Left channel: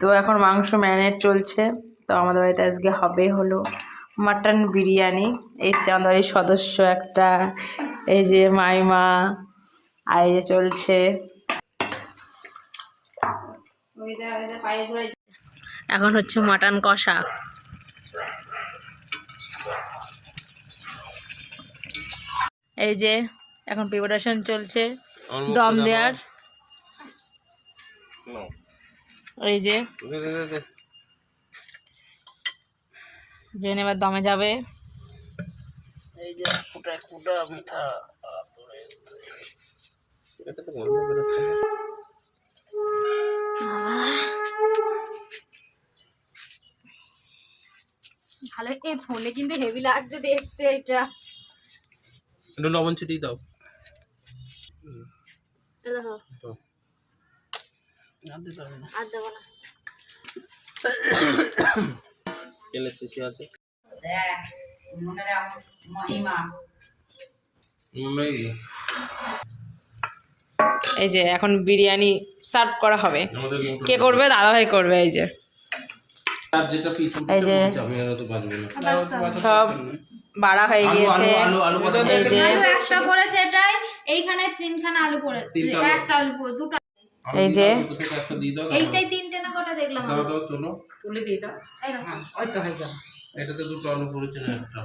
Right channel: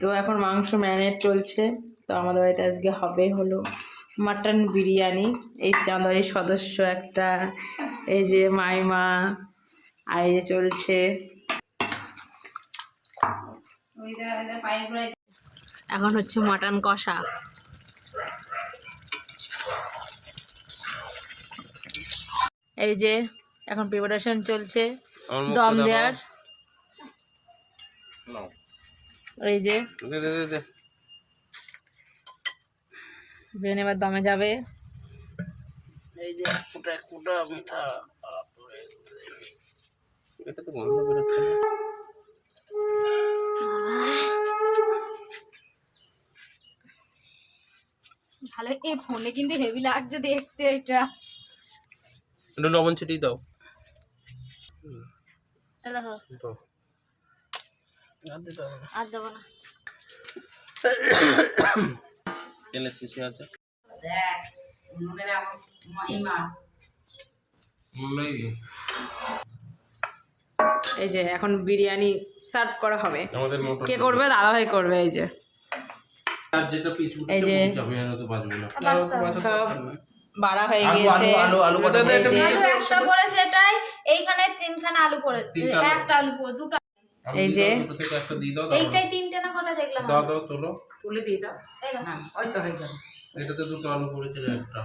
তো এখন মাংস ম্যারিনেট চলছে। তো আমাদের বাড়িতে আজকে হলো মাটন বিরিয়ানি। এই যে আমাদের বাড়ির সদস্য একটা, এই যে মাইমা, আর এই যে চলছে। এখন হচ্ছে মাটন কষা। এই যে এখন প্রিপারেশন চলছে দম দেওয়ার। এই যে ব্রেন এবার দমে যাবে। এই যে ফুটা ফুটা মিঠা এটা তো গন্ধ বেরোচ্ছে না। ভালো, এই ফোনে কিন্তু হেভি লাগছে দেখতে। এটা একটু লবণ ছিটিয়ে দাও। আর দেবো না। তেলের শিশি আছে। এই যে এখন বিরিয়ানি সার্ভ করা হবে। কে করবে? দাদাভাই করবে। এই যে এই যে সব বাড়া হয়ে গিয়েছে। এই যে একটা পড়েছে, এটাই এইখানে তিনখানা আলু পড়েছে, একটা আলু দুটো। এই যে এইটাই তিনটে না কটা দেখলাম। দাও দাও, তোলো, তুলে দিয়ে দাও। হ্যাঁ, ওই তো হয়ে যাবে। এটাতে দুটো আলু পড়েছে, একটা